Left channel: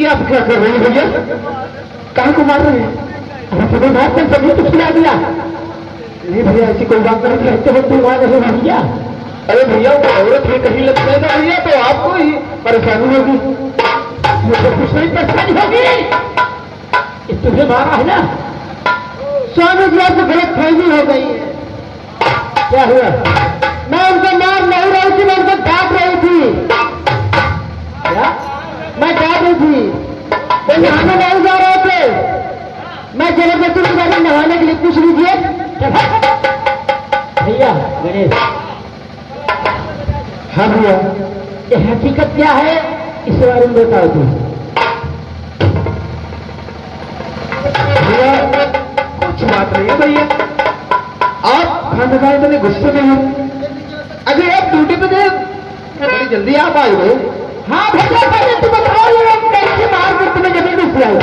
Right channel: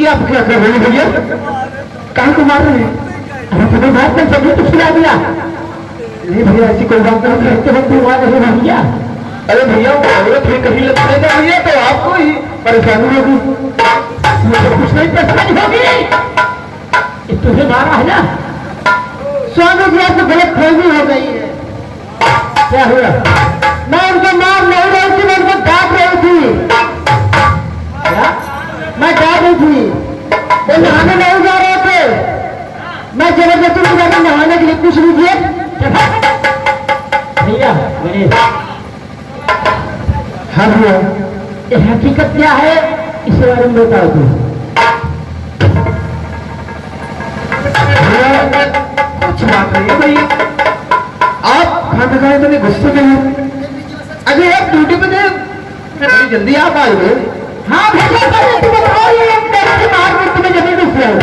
ये आप क्या कर रहे हैं भैया? कहाँ को मार रहे हैं? अरे तुम्हें बात में सभी तो खिला दिया। नहीं भैया ऐसी कोई बात नहीं है, तो तुम मार रहे हो भैया। अरे भैया वो औरत है कहीं लग जाएगा भैया तो आपको ही परेशानी होगी। मुझे कुछ नहीं परेशानी होगी। तुम्हें मारा है ना? स्वामी जी आपको गलत फहमी हो गई है। क्या हुआ? मैं उनको मार नहीं रही थी, मैं उनको डांट रही थी। क्या? मैं डांट रही थी, वो नहाने नहीं जा रहे थे। मैं जबरदस्ती में जाकर नहाने के लिए कुछ नहीं किया। भैया गणेश, हाँ भैया, ये हकीकत क्या है इसे बारे में बताओ तुम। भैया कुछ बात नहीं है भैया, आप खाना खाने के लिए गुस्से में हैं। अरे आप ड्यूटी पे थे, बड़ी जल्दी आप आए हो। हाँ भैया भैया तुम बताओ ये कैसे मार कर तुम्हें जमीन में किया चल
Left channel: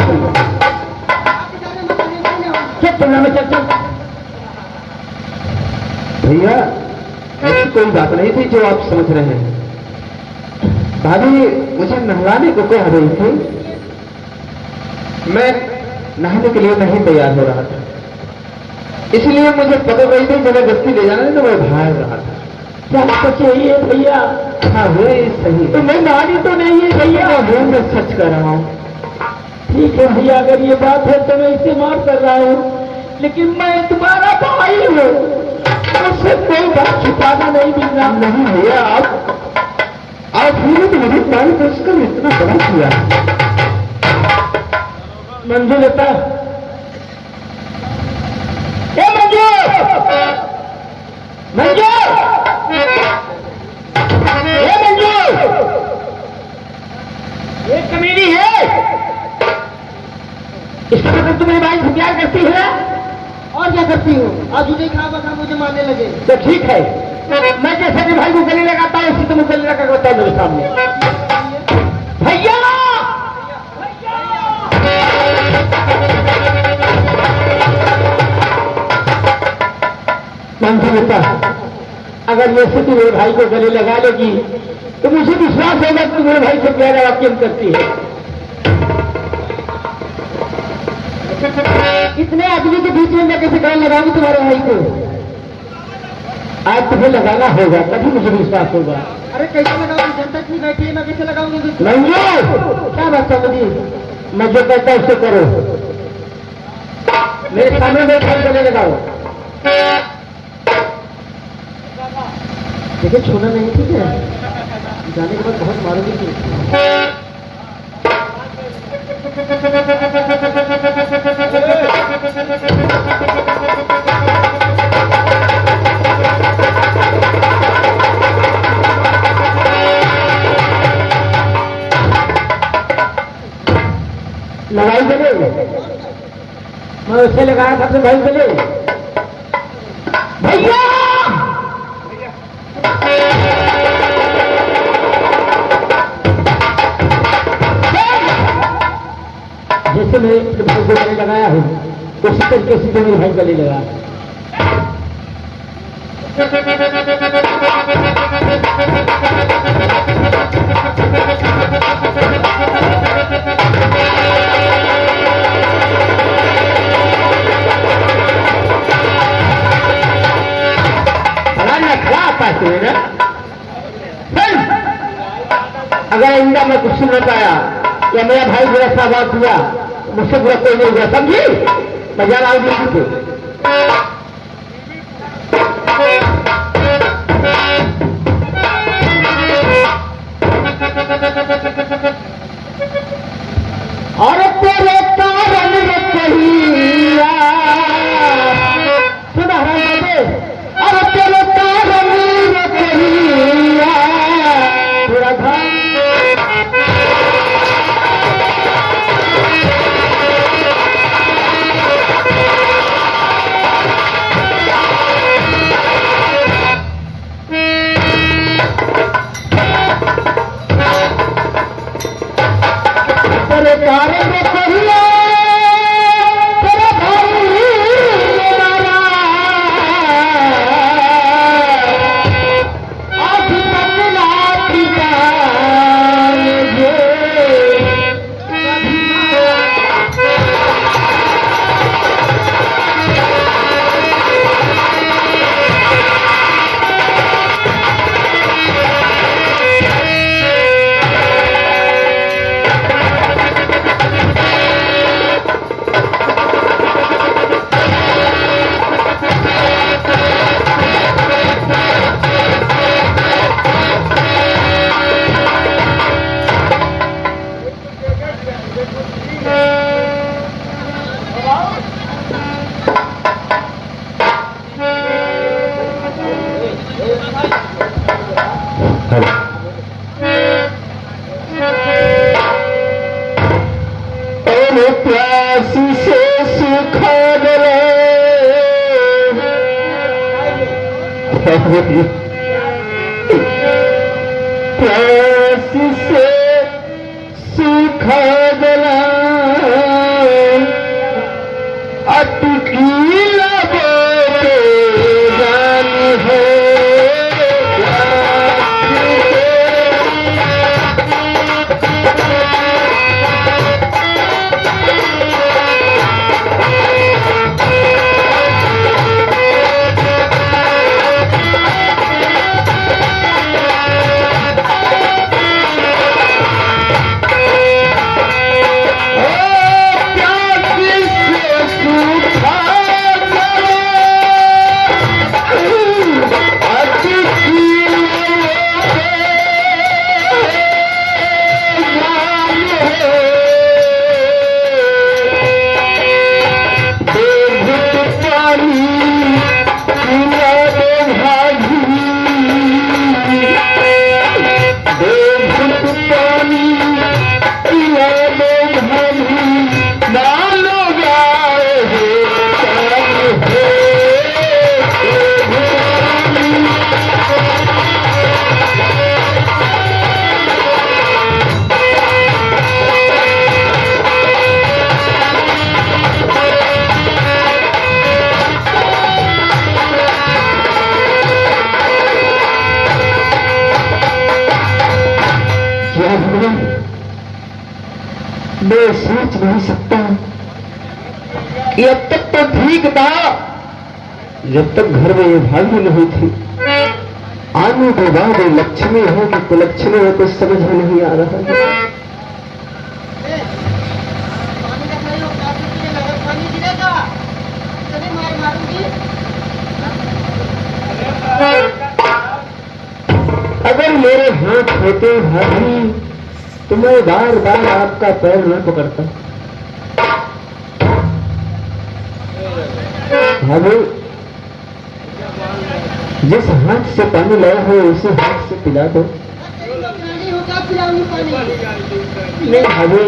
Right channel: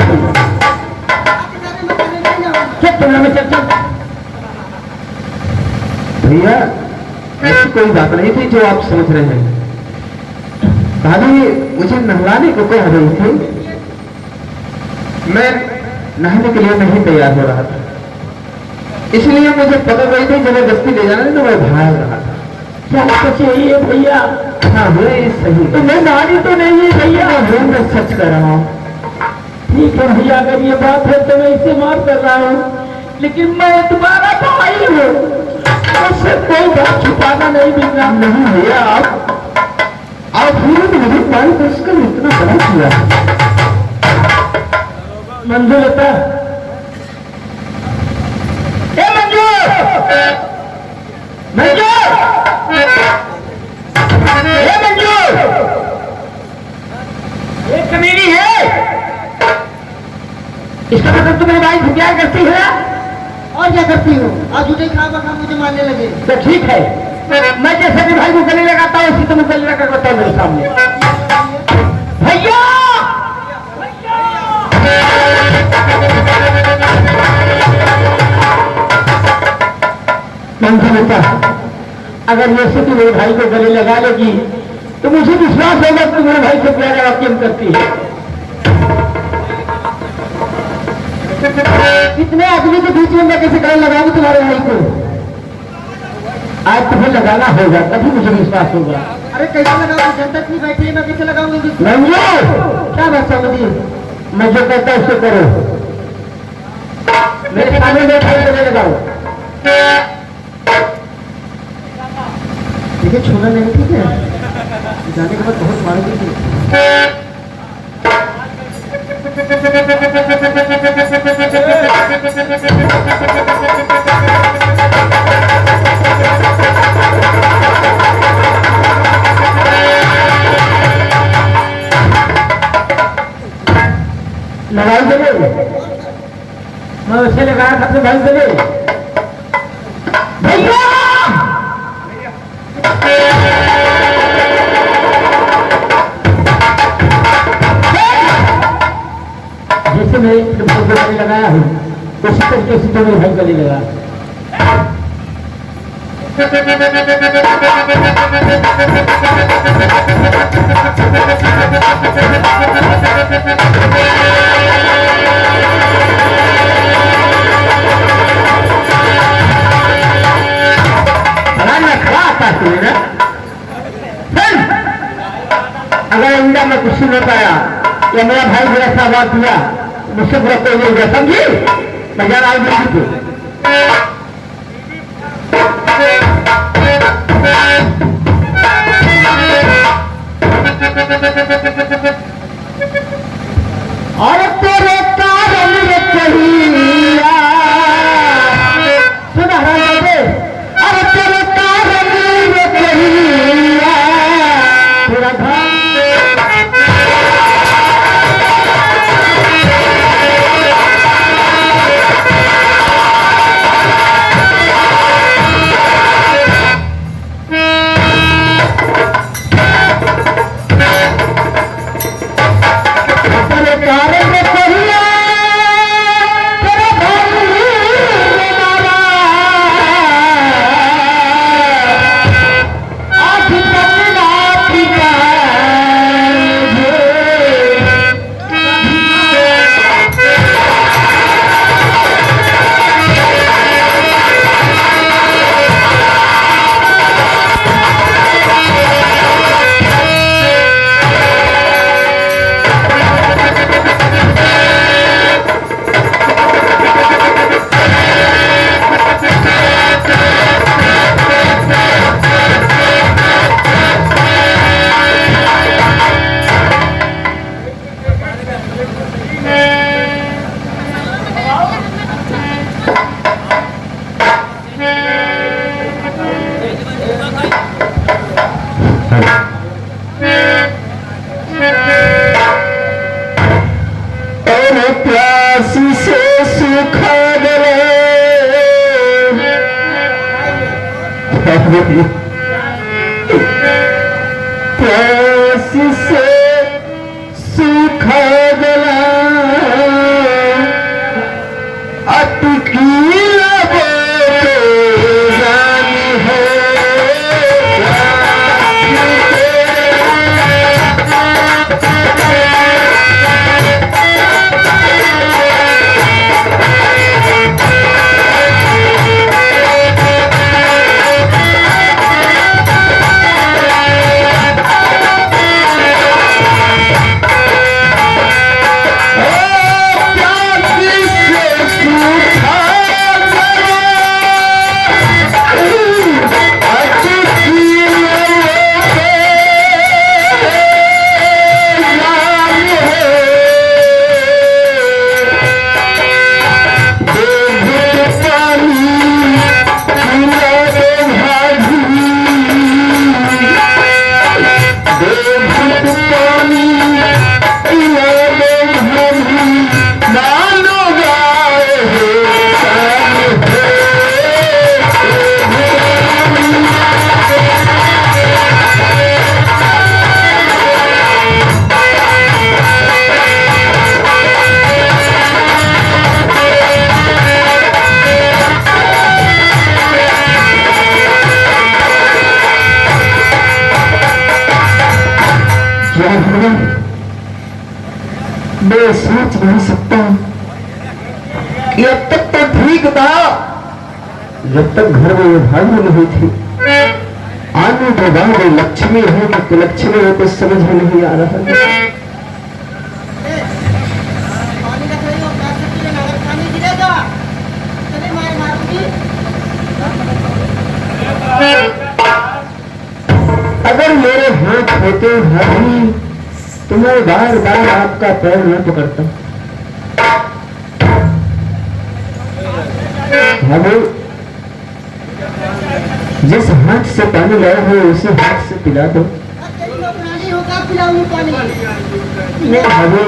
तुम लोग चल चल। भैया ऐसी कोई बात नहीं थी जो आप समझ रहे हैं। भाभी मुझे नहलाने को कह रही थी, मैं नहाने के लिए नहीं तैयार हो रहा था, इसलिए मुझे पता नहीं थी जबरदस्ती ले जाना तो मैं भाग रहा था। क्या सच यही है भैया? हाँ भैया सही। तो मैं नारी तो नहीं है भैया, मैं सच कर रहा हूँ। ठीक है भैया, अगर ये बात है तो मैं इसे माफ कर रहा हूँ, लेकिन मैं तुम्हारा भाई हूँ, मुझसे कोई बात छुपाना नहीं बिगड़ा। नहीं भैया आप फिर तो मेरी भाई को उसका इतना बड़ा किया। मंजू लेता मंजू मंजू मंजू एक कमीनी है, इसका मतलब तुम्हारी भाई से प्यार करती है और क्या करती हो? आज मुझे खा बना मुझे मारने लगे तो ठीक है, मैं जैसे भी भाई को गले लगाता हूँ उसी तुम गले लगा करता हूँ मेरे सामने। भैया मंजू बेटा, अगर ये स्थिति मेरे भाई को गले लगा लेगी तो मुझे विश्वास होगा कि मेरे भाई से प्यार आप क्यों करती है। इतने आदमी के बीच में मैं कैसे गले लगाऊंगी तुम्हारे भाई को? आज तुम्हें लगाना होगा तभी मुझे विश्वास होगा। अरे कैसे लगाऊंगी? जनता इतनी बैठी है, मैं कैसे लगाऊंगी? क्या बात समझी? मैं जो कहता हूँ उसको करो, मेरे सामने मेरे भाई गले लगाओ। मुझे छोड़ना नहीं, ठीक है? जाने के बाद बहुत मारोगे तुम। लड़ाई चले मैं उसे लगाया था अपने भाई चले। भैया जैसे मैं गले लगाया हूँ उसी तरीके से दोनों भाई गले लगा। अगर इंडिया में कुछ नहीं पाया या मेरा भाई मेरा साथ दिया मुझसे बुरा कोई नहीं होगा, समझी? मैं जा रहा हूँ। और तेरे कारण कारण में कहिया तेरा भाई मारा आज पतना पिता प्यासी से सूखा गले प्यासी से सूखा गला अटकी जानी है मैं सोच नहीं सकता कि अब तक तो ठीक था जब तक घर में ये भागी नहीं थी। आने के बाद लक्ष्मी है कि कुलक्ष्मी है कुछ समझ में नहीं आ रहा है। अगर मेरे हाथ होते भाभी तो मैं बार बार आपका पैर न पकड़ता। भाभी जिस हाथ से पानी लाया हो उसी हाथ से पिला दो। नहीं भाभी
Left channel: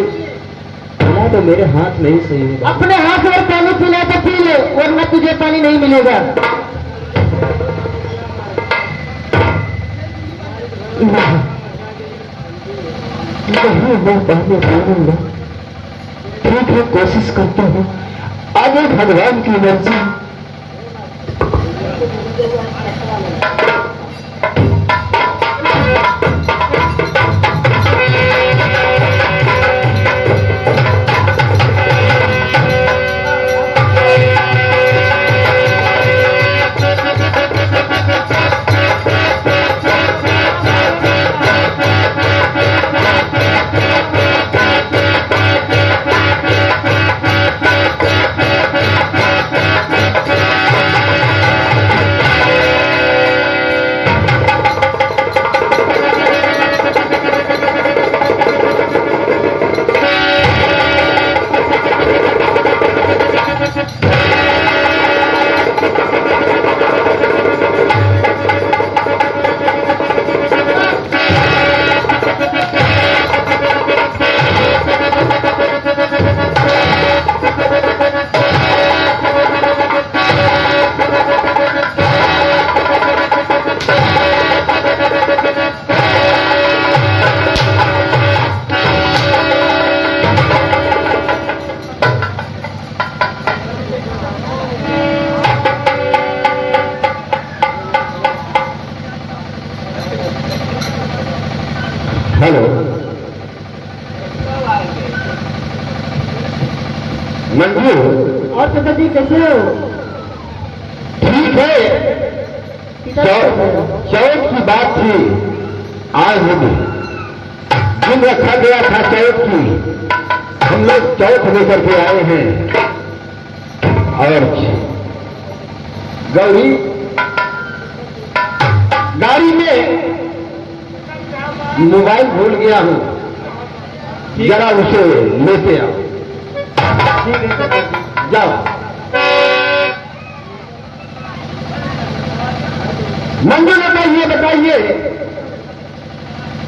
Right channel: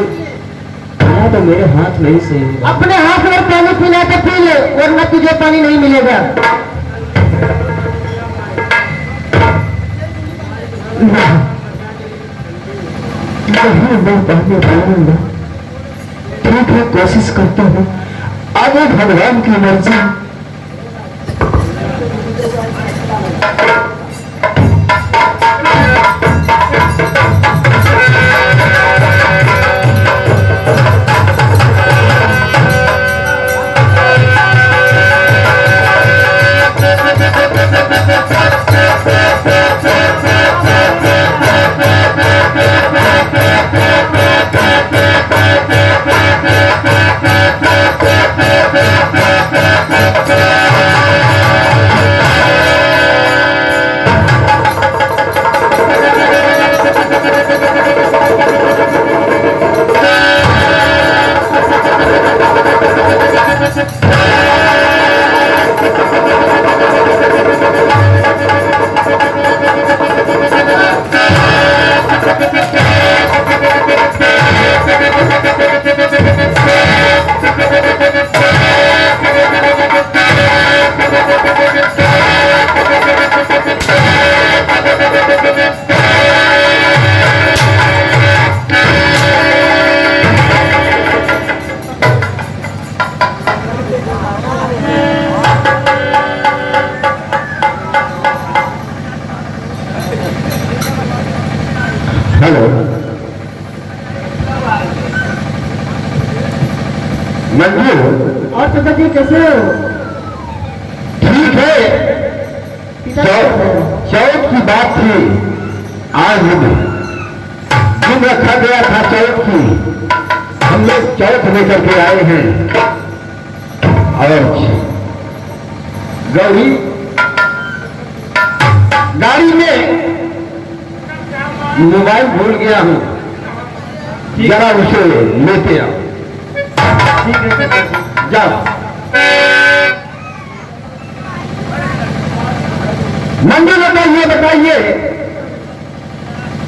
पिला तो मेरे हाथ नहीं से होगा। अपने हाथ में पानी पिला तो पी ले वरना तुझे पानी नहीं मिलेगा। ठीक है कोशिश करता हूँ आगे भगवान की मर्जी। मंजू, और चाचा जी कैसे हो? ठीक है। चौथ की बात थी, आज दिन रखा गया था चौथ की, हम लोग चौथ लेकर के आए हैं। और गौरी गाड़ी में मोबाइल भूल गया हूं, जरा उसे लेते आओ। ठीक है चाचा जी। जाओ। मंजू बताइए बताइए,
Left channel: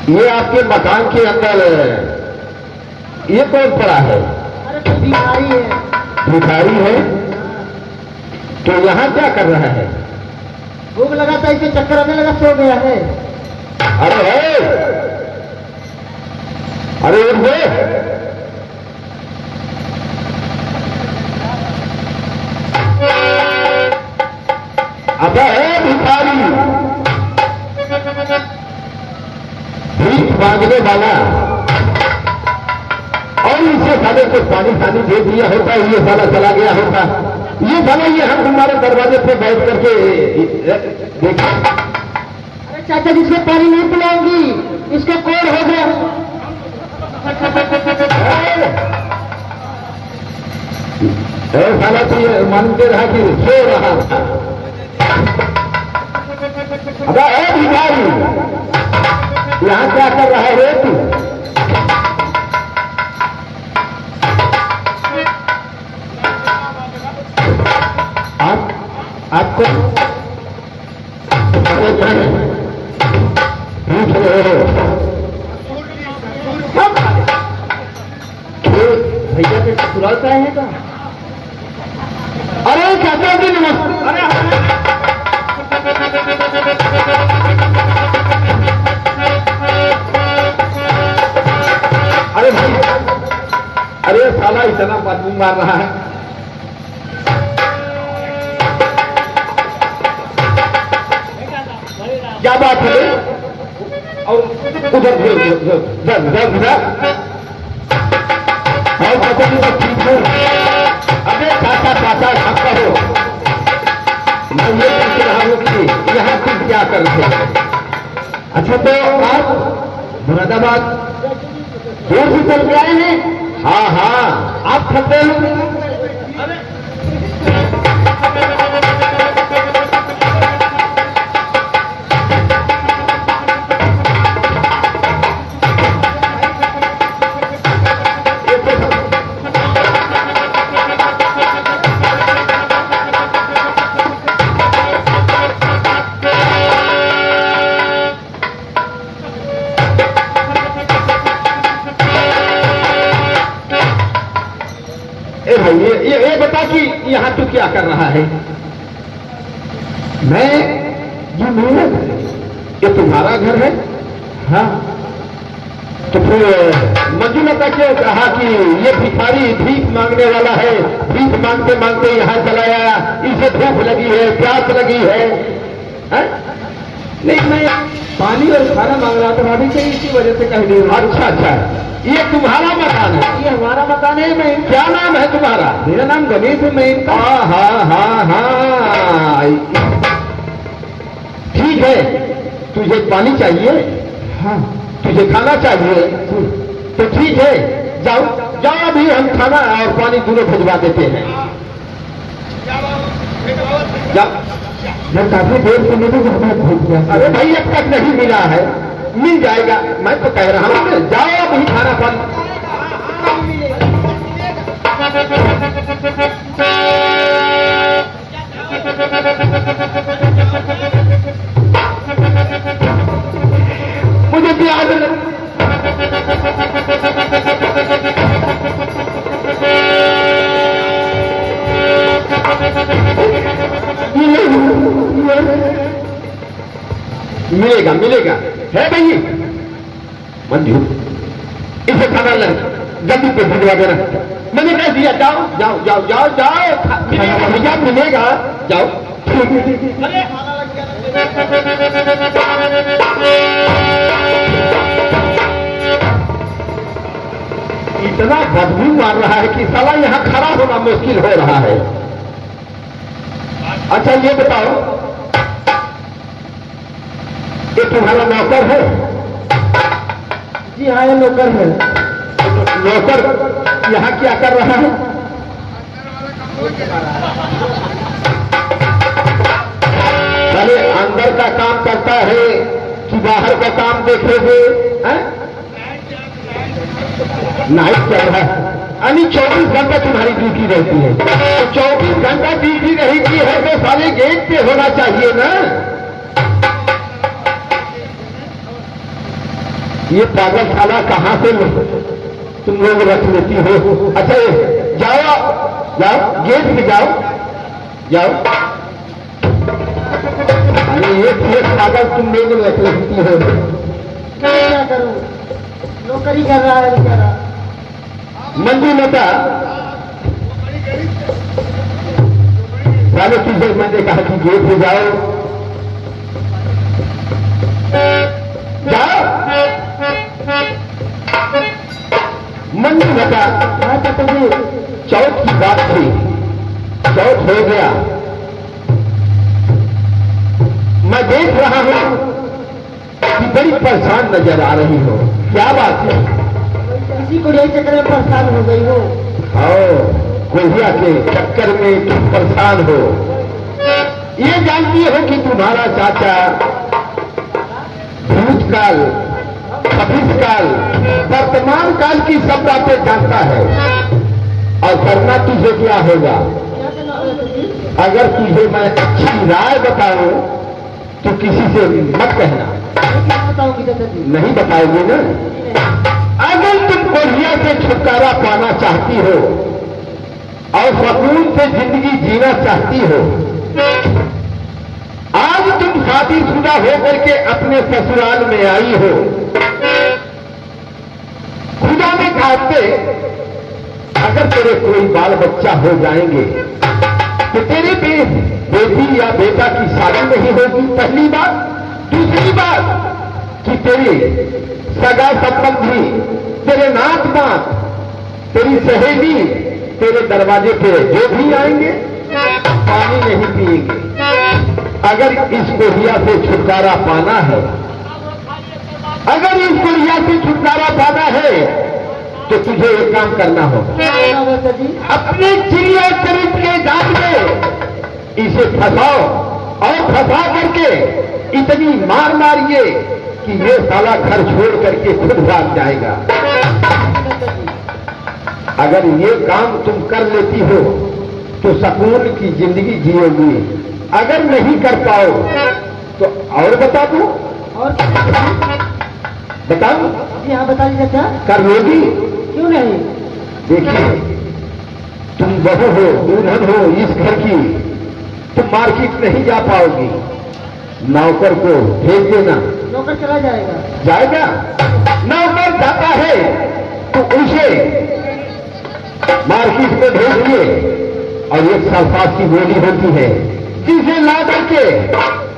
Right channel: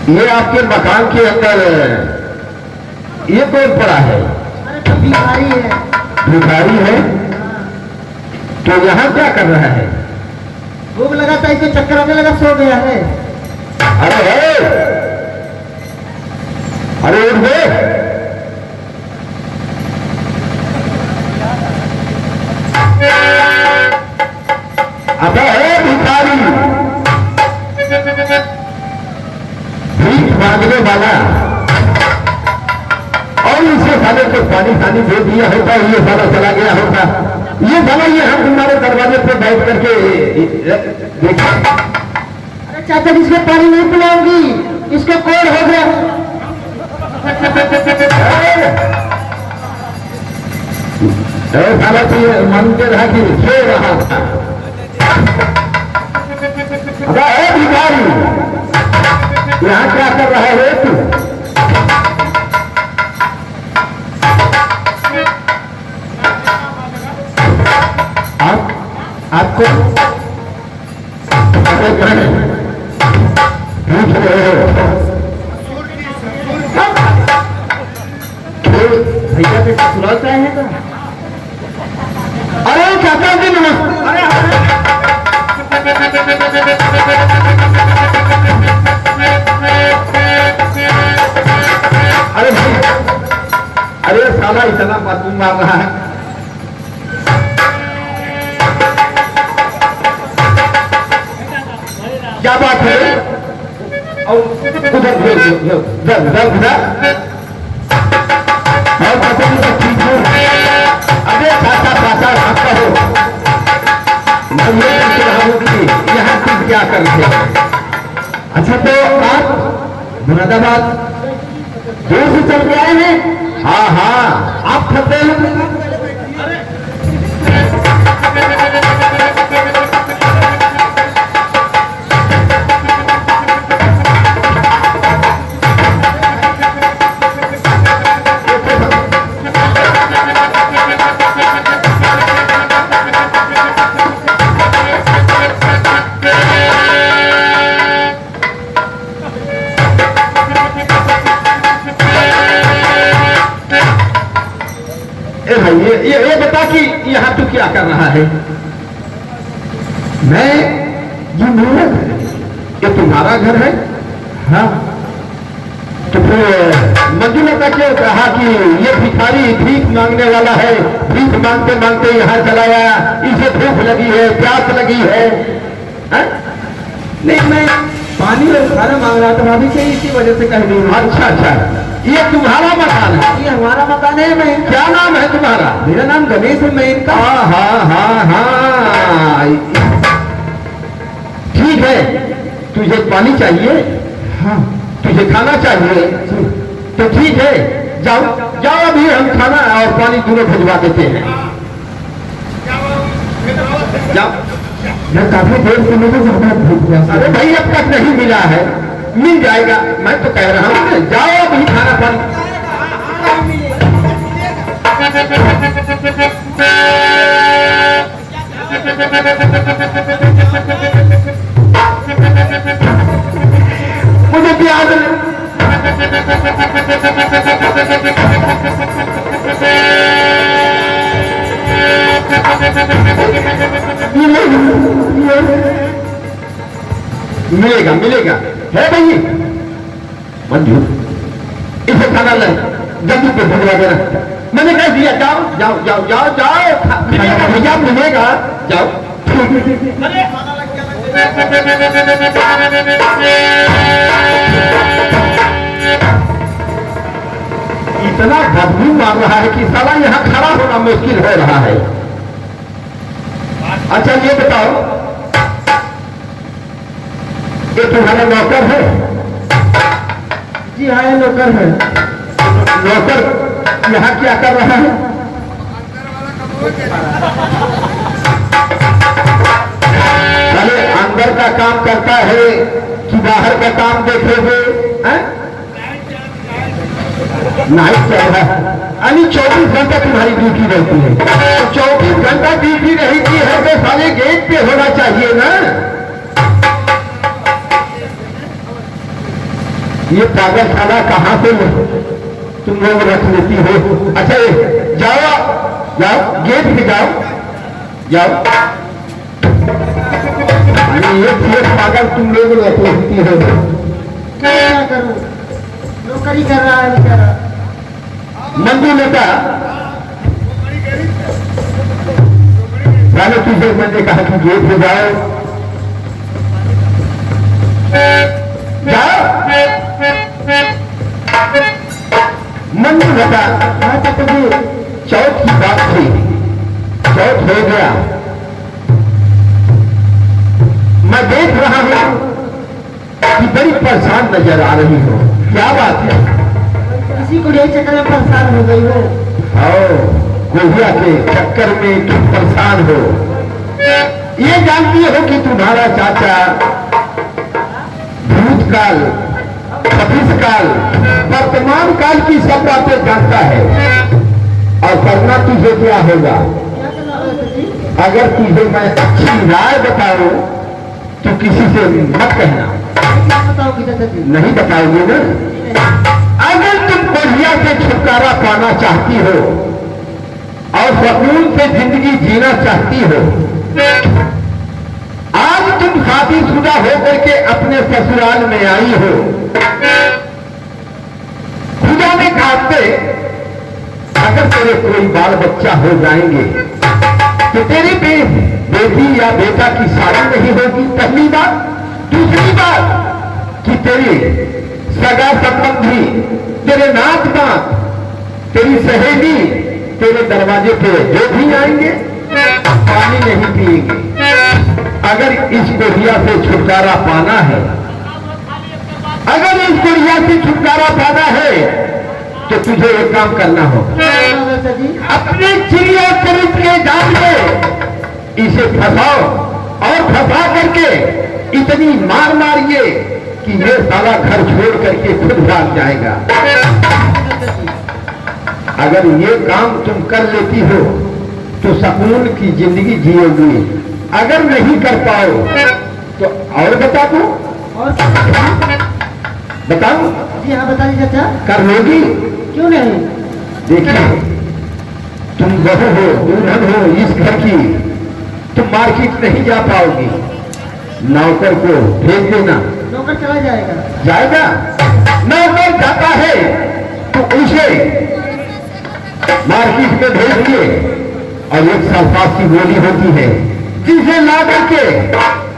ये आपके मकान के अंदर ये कौन पड़ा है? अरे तो भिखारी है। भिखारी है? तो यहाँ क्या कर रहा है? भूख लगा था, इसे चक्कर आने लगा, सो गया है। अरे है, अरे उठ गए। अब है भिखारी, भीख मांगने वाला, और इसे साले को पानी खानी दे दिया होता, ये साला चला गया होता। ये साला ये हम तुम्हारे दरवाजे पे बैठ करके देखा। अरे चाचा जी इसके पानी नहीं पिलाऊंगी, इसके कोड़ हो गया। साला तो ये मानते रहा कि सो रहा था। अबे है भिखारी, यहाँ क्या कर रहा है तू? आपको पूछ रहे हो? भैया से ससुराल से आए हैं क्या? अरे चाचा जी नमस्ते। अरे भाई, अरे साला इतना बदबू मार रहा है। क्या बात है? और उधर उधर और चाचा जी सब ठीक हो? अबे चाचा चाचा आपका हो, मैं ये पूछ रहा हूँ कि यहाँ तुम क्या कर रहे हो? अच्छा तो आप मुरादाबाद दूर से चल के आए हैं? हाँ हाँ, आप फंसे हैं? भाई ये बता कि यहाँ तू क्या कर रहा है? मैं, ये मेरा घर है, ये तुम्हारा घर है? हाँ। तो फिर मंजुलता क्यों कहा कि ये भिखारी भीख मांगने वाला है, भीख मांगते मांगते यहाँ चला आया, इसे भूख लगी है, प्यास लगी है? हा? नहीं, मैं पानी और खाना मांग रहा था भाभी से, इसी वजह से कह दी। अच्छा अच्छा, ये तुम्हारा मकान है? ये हमारा मकान है। मैं, क्या नाम है तुम्हारा? मेरा नाम गणेश है। मैं इनका। हाँ हाँ हाँ हाँ, ठीक है। तुझे पानी चाहिए? हाँ। तुझे खाना चाहिए? तो ठीक है, जाओ जाओ, अभी हम खाना और पानी दोनों भिजवा देते हैं। जाओ। मैं काफी देर से मुझे ज्यादा भूख गया। अरे भाई अब तक नहीं मिला है, मिल जाएगा, मैं तो कह रहा हूँ। जाओ अभी खाना पानी। मुझे क्या मिलेगा मिलेगा है भाई। मंजू, इसे खाना ले, जल्दी पे भिजवा देना। मैंने कह दिया, जाओ जाओ जाओ जाओ जाओ, मिलेगा भैया, मिलेगा, जाओ। इतना बदबू मार रहा है कि साला यहाँ खड़ा होना मुश्किल हो रहा है। अच्छा ये बताओ, ये तुम्हारा नौकर है? जी हाँ, ये नौकर है। नौकर यहाँ क्या कर रहा है? साले अंदर का काम करता है कि बाहर का काम देखेंगे? नाइट चल रहा है, यानी 24 घंटा तुम्हारी ड्यूटी रहती है। तो 24 घंटा ड्यूटी रहती है तो साले गेट पे होना चाहिए ना। ये पागल खाना कहाँ से तुम लोग रख लेती हो? अच्छा जाओ जाओ गेट पे जाओ जाओ। ये पागल तुम लोग रख लेती हो। क्या करूं, नौकरी कर रहा है बेचारा। मंजू नेता राजा तुझे मैंने कहा कि गेट पे जाओ जाओ। मंजू नेता हाँ चाचा जी। चौथ की बात थी, चौथ हो गया। मैं देख रहा हूं कि बड़ी परेशान नजर आ रही हो, क्या बात है? इसी को यही चक्कर में परेशान हो गई हो। गोहिया के चक्कर में तुम परेशान हो। ये जानती हो कि तुम्हारा चाचा भूतकाल, भविष्यकाल, वर्तमान काल की सब बातें जानता है। और करना तुझे क्या होगा? क्या करना होगा चाचा जी? अगर तुझे मैं अच्छी राय बताऊं तो किसी से मत कहना। क्या बताओगी चाचा जी? नहीं बताओगे ना? अगर तुम गोहिया से छुटकारा पाना चाहती हो और सुकून से जिंदगी जीना चाहती हो, आज तुम शादीशुदा होकर के अपने ससुराल में आई हो। खुदा ने खाते अगर तेरे कोई बाल बच्चा हो जाएंगे तो तेरी बेटी या बेटा की शादी नहीं होगी, पहली बात। दूसरी बात कि तेरी सगा संबंधी, तेरे नात बात, तेरी सहेली तेरे दरवाजे पे जो भी आएंगे पानी नहीं पिएंगे। अगर इस गोहिया से छुटकारा पाना है, अगर इस गोहिया से छुटकारा पाना है तो तुझे एक काम करना हो। क्या करना होगा चाचा जी? अपने चिड़िया चरित्र के जाल में इसे फंसाओ और फंसा करके इतनी मार मारिए कि ये साला घर छोड़ करके खुद भाग जाएगा। अगर ये काम तुम कर लेती हो तो सुकून की जिंदगी जियोगी। अगर नहीं कर पाओ तो और बता दो। और क्या? बताओ, जी हाँ बता दीजिए चाचा। कर लोगी? क्यों नहीं? देखिए, तुम बहू हो, दुल्हन हो इस घर की, तुम मार्केट नहीं जा पाओगी। नौकर को भेज देना। नौकर चला जाएगा। जाएगा? नौकर जाता है तो उसे मार्केट में भेज दिए और एक सल्फात की गोली होती है जिसे ला करके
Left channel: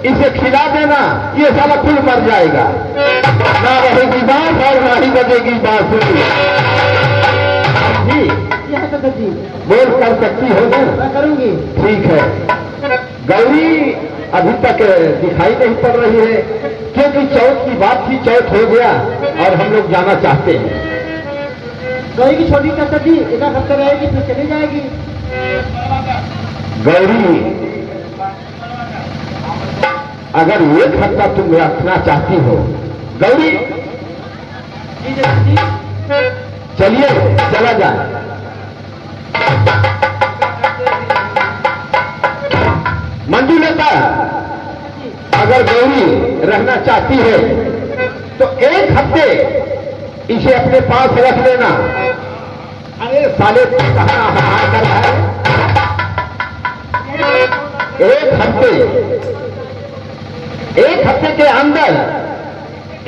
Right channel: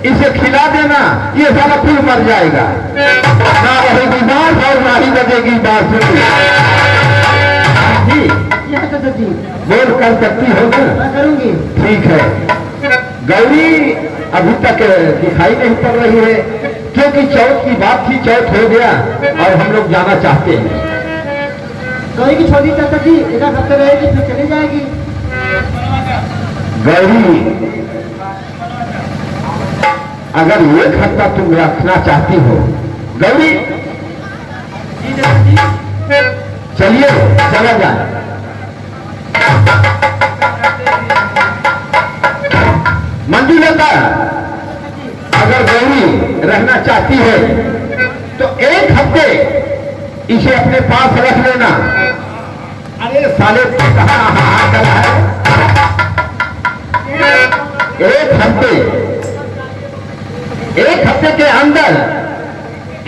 इसे खिला देना, ये सारा फूल मर जाएगा। ना रहेगी बात और ना ही बजेगी बांसुरी। जी जी हाँ चाचा जी। बोल कर सकती हो ना? मैं करूंगी। ठीक है। गौरी अभी तक दिखाई नहीं पड़ रही है क्योंकि चौथ की बात थी, चौथ हो गया और हम लोग जाना चाहते हैं। गौरी की छोटी चाचा जी एक हफ्ते रहेगी फिर चली जाएगी। गौरी अगर एक हफ्ता तुम रखना चाहती हो, गौरी जी चाचा जी। चलिए चला जाए। मंजू लेता अगर गौरी रहना चाहती है तो एक हफ्ते इसे अपने पास रख लेना। अरे साले तू कहाँ हाथ कर रहा है? एक हफ्ते के अंदर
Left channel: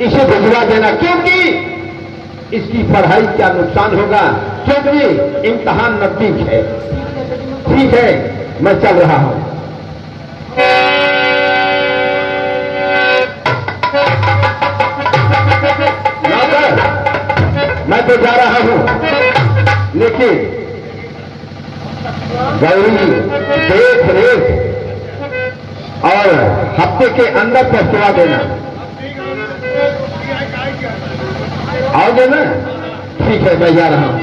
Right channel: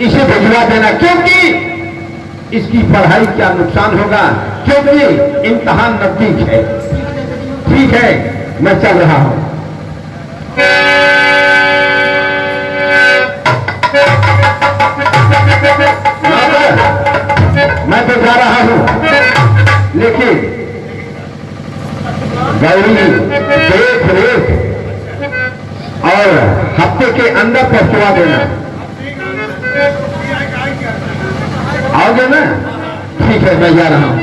इसे भिजवा देना, क्योंकि इसकी पढ़ाई क्या नुकसान होगा, क्योंकि इम्तहान नजदीक है। ठीक है, मैं चल रहा हूं। मैं तो जा रहा हूं। लेकिन गौरी देख रेख और हफ्ते के अंदर पहुंचवा देना। आओगे ना? ठीक है, मैं जा रहा हूं।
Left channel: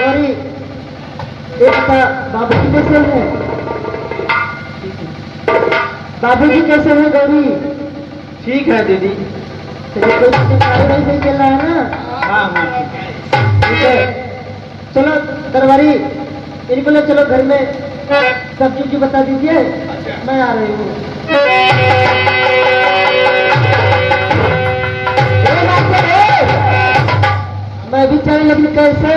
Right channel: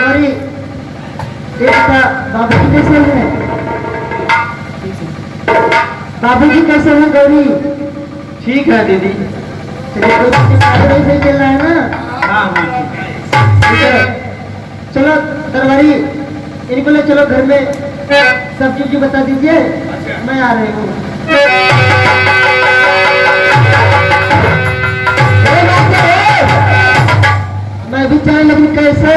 गौरी, बाबूजी कैसे हैं? बाबूजी कैसे हैं गौरी? ठीक है दीदी। नहीं सही चल रहा है ना? हाँ हाँ ठीक है, चलो दरबारी, इनको ले चलो घर में, सब चीज बता दीजिए। मैं आ रही हूँ। मैं भी चाहे, लेकिन कैसे?